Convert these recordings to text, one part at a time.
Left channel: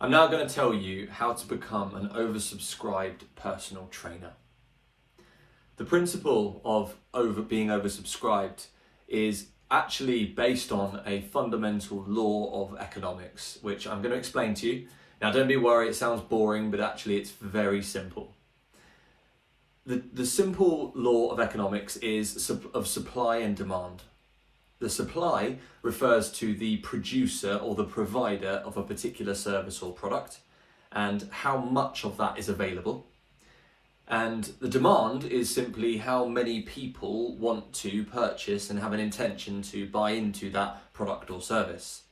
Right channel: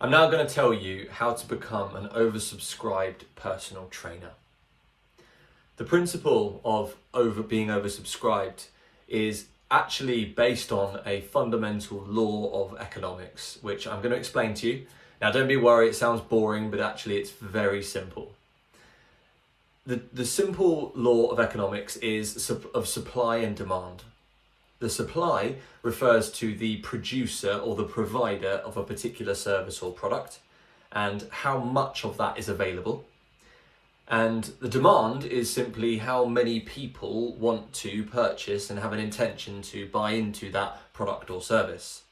I'm now going to tell you how to become an oversubscribed personal trainer. The principle of being oversubscribed is actually based on a fundamental law of economics, which I'm going to explain to you. Now, don't be worried, it sounds boring, but actually it's very simple. The simple law of economics is of supply and demand. The supply refers to the producer or the provider of a particular service or product and how much of that is available. And the demand is simply how many people want to purchase and have an intention to buy into that product or service.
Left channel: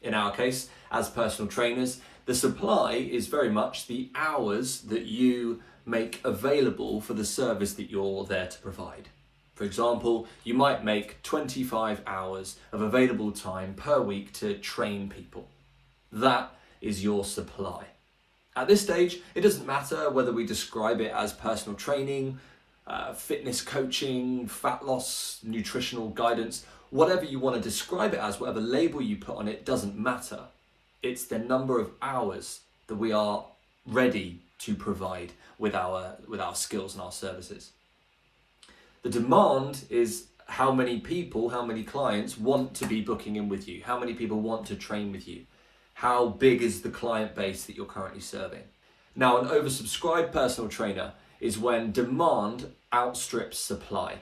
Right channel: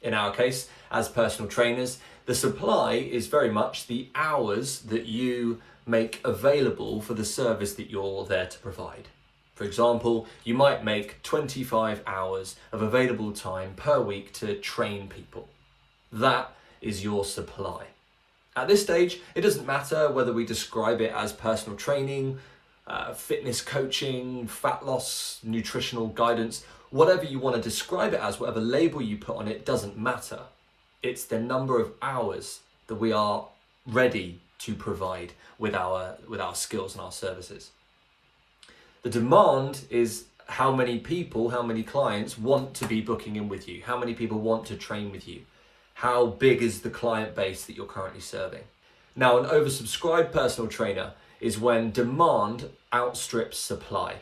In our case, as personal trainers, the supply is very much the hours that you make available for the service that you're there to provide. For example, you might make 25 hours of available time per week to train people. That is your supply. At this stage, it doesn't matter whether we describe it as personal training, fitness coaching, fat loss, nutritional guidance, whatever you want to describe it as, whatever label you put on it, doesn't matter. It's the number of hours that we are ready to provide with our skills and our services. The demand is how many people, how many clients want to be booking in with you, how many people want to train with you, how big is the client base that you're currently serving. Now, an oversubscribed personal trainer is when demand outstrips supply.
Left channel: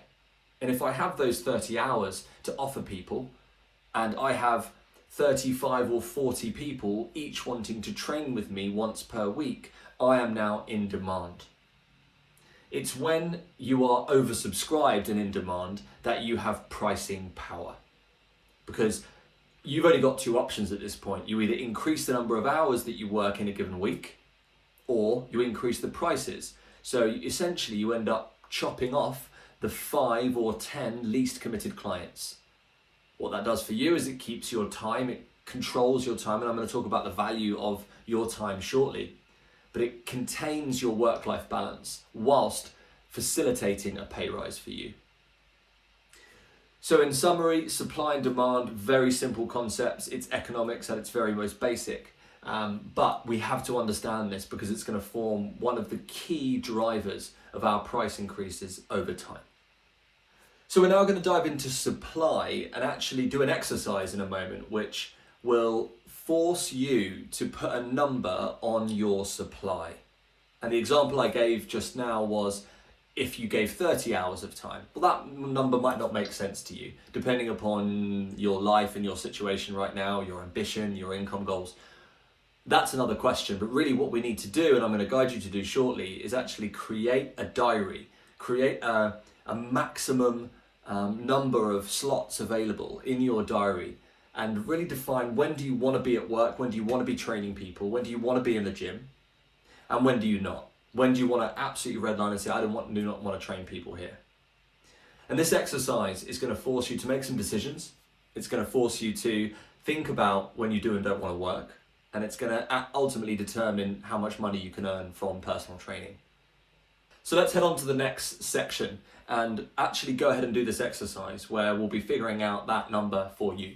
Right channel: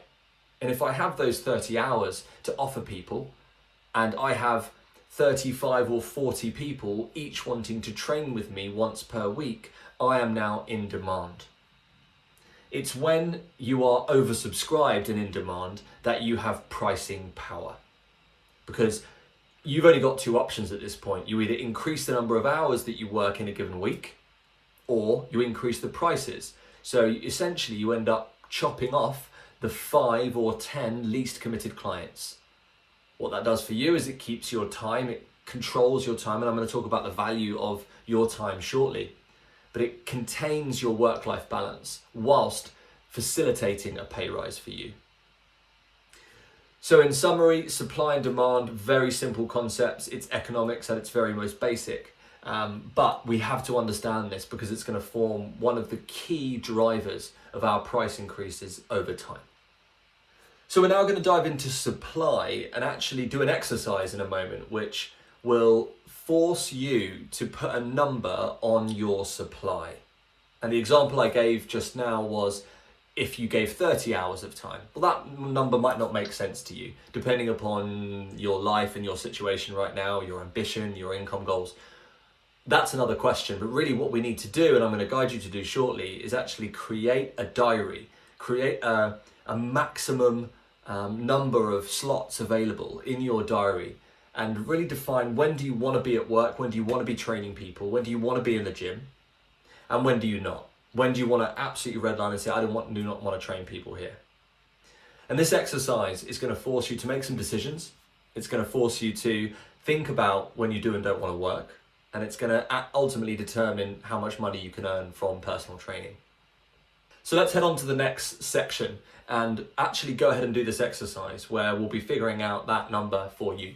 And if I have those 30 hours to offer people and I have 35 or 40 people each wanting to train with me once per week, I am now in demand. It's when you are oversubscribed and in demand that you have pricing power. Because you've only got two options at this point. You either increase the number of hours that you work in a given week, or you increase the prices. So essentially you end up chopping off the 5 or 10 least committed clients. What that does for you is it keeps your time, it controls your time, and I'm going to talk about the value of your time shortly. But it contains your work-life balance whilst facilitating a pay rise for you. So in summary, supply and demand, very simple concepts. It's economics at its very most basic. But we have to understand this because it's going to form one of the key drivers of our price increases over time. So we're now going to dive into supply and actually do an exercise in a moment, which will force you to put a number on your supply. And the example I gave just now was if you gave 30 hours of time. Well, that number might not make sense to you, depending upon your life and your situation right now, your ambition, your income goals. That's another question, but really what we need to do, and I'm going to guide you to do shortly, is actually create a diary, create a maximum number of slots available in your diary, and really define when do you want to be at work, when do you want to be training people, when do you want to be in the gym, and when do you not? When do you want to absolutely redline and say, I do not want to train people here? And this exercise is going to force you to make some decisions. It's going to force you to think about when you do and don't want to work. And it's going to ultimately determine how much money you can earn from personal training. So let's head on to the next section and actually go ahead and do this exercise where we'll be figuring out that number for you.